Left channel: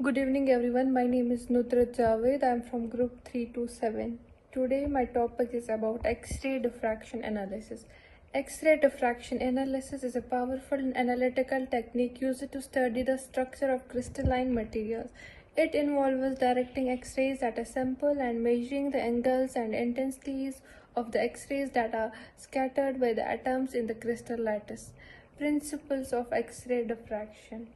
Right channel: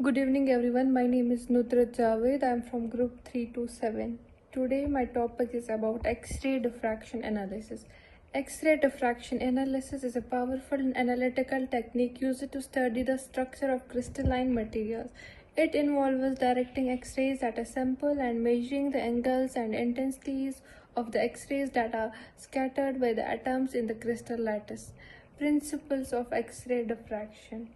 Good evening everyone, my name is NUDRAT JAVID. I am from group 327. Today my topic is about X-ray diffraction analysis. X-ray diffraction analysis is a powerful analytical technique used to study the structure of crystalline materials. It involves directing X-rays at a sample and measuring the angles and intensities of the X-rays that are scattered by the atoms in the crystal lattice. Principles of X-ray diffraction.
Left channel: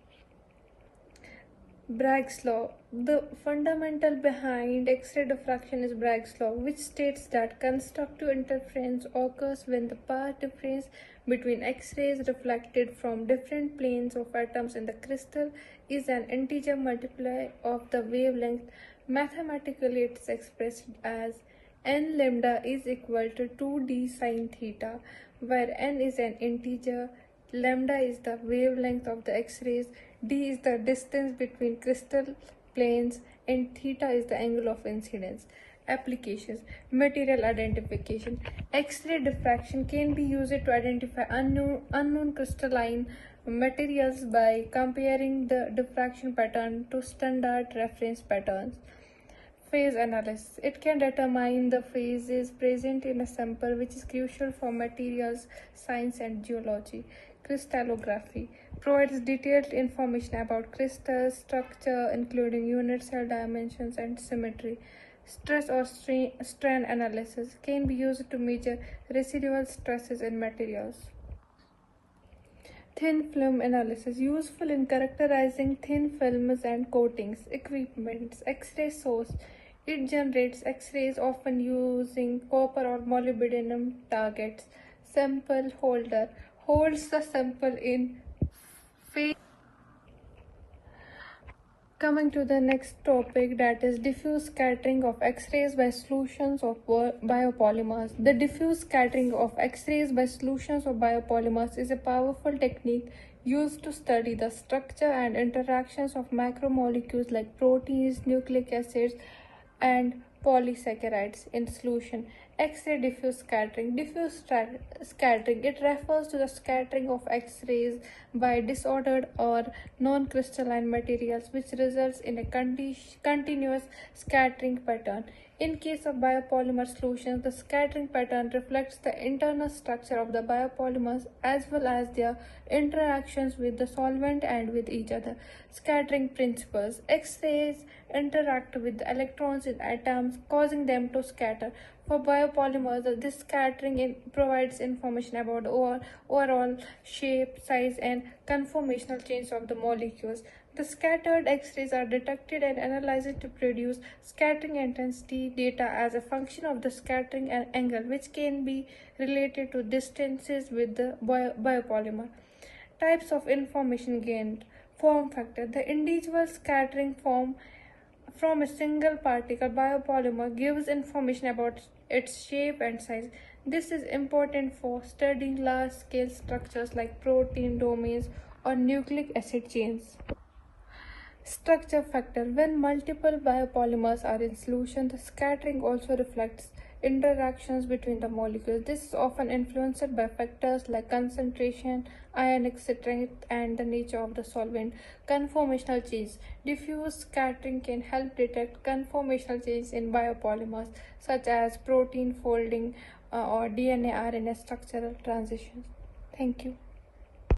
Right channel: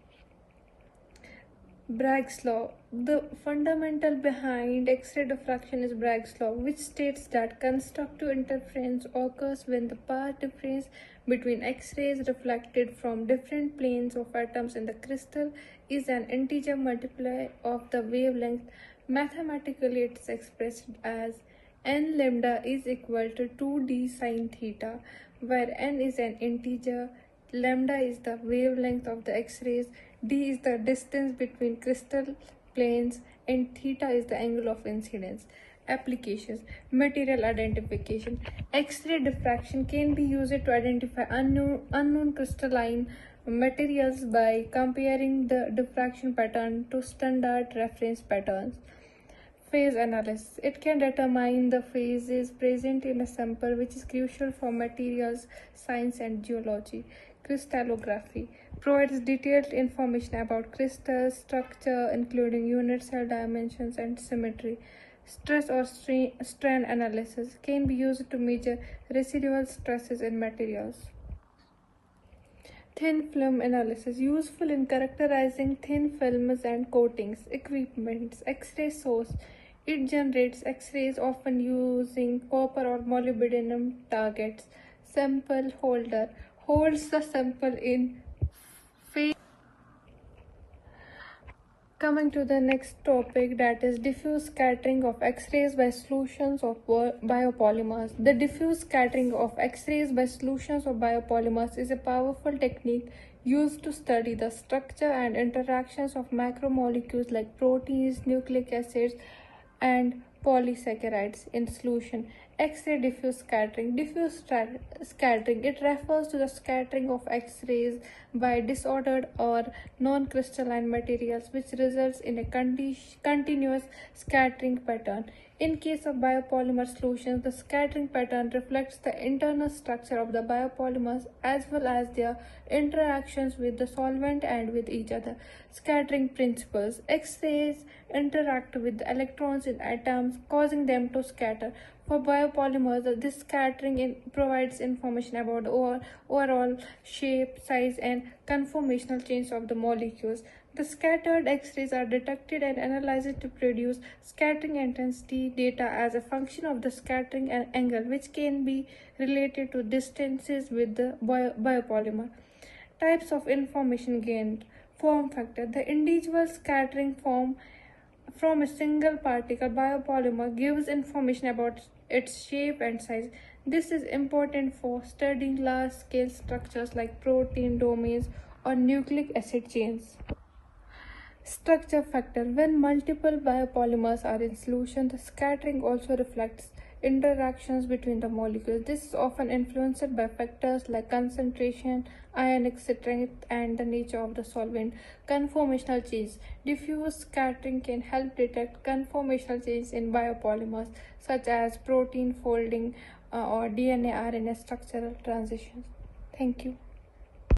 Bragg's law. The fundamental behind X-ray diffraction is Bragg's law, which states that constructive interference occurs when the path difference between X-rays reflected from different planes of atoms in the crystal is an integer multiplier of the wavelength. Mathematically, it is expressed as n lambda is equal to 2d sine theta, where n is an integer, lambda is the wavelength of the X-rays, d is the distance between crystal planes, and theta is the angle of incidence. Applications. Material identification. X-ray diffraction can be used to identify unknown crystalline materials by comparing the diffraction pattern to standard reference patterns. Phase analysis. It can determine the phases present in a sample, which is crucial for materials science and geology. Crystallography provides detailed information about crystal structure, including unit cell dimensions and symmetry. Stress or strain analysis can be used to measure residual stresses in materials. Thin film analysis, useful in characterizing thin films and coatings. Equipment. X-ray source. It generates X-rays often using copper or molybdenum targets. Sample holder holds the sample in field. Coming to the next topic, that is diffuse scattering of X-rays by solutions of biopolymers. The diffuse scattering of X-rays by solutions of biopolymers is a powerful technique used to study the structure and interactions of macromolecules like proteins, nucleic acids, and polysaccharides in solution. X-ray diffuse scattering. Diffuse scattering. It refers to the scattering of X-rays by disordered or non-crystalline materials, which results in a continuous scattering pattern. In case of biopolymer solutions, the scattering pattern reflects the internal structure of the biopolymers as well as their interactions with the solvent and with each other. Scattering principles. X-rays interact with the electrons in atoms, causing them to scatter. For biopolymers, this scattering provides information about the overall shape, size, and conformational change of the molecules. The scattered X-rays are detected and analyzed to produce scattering intensity data as a function of the scattering angle, which can be related to distances with the biopolymer. Types of information gained. Form factor. The individual scattering form from a single particle biopolymer gives information about its shape and size. This is important for studying large-scale structures like protein domains or nucleic acid chains. Structure factor. When multiple biopolymers are in solution, the scattering also reflects interactions between the molecules. This is often influenced by factors like concentration, ionic strength, and the nature of the solvent. Conformational change. Diffuse scattering can help detect conformational changes in biopolymers such as protein folding or DNA-RNA structural transitions. Thank you.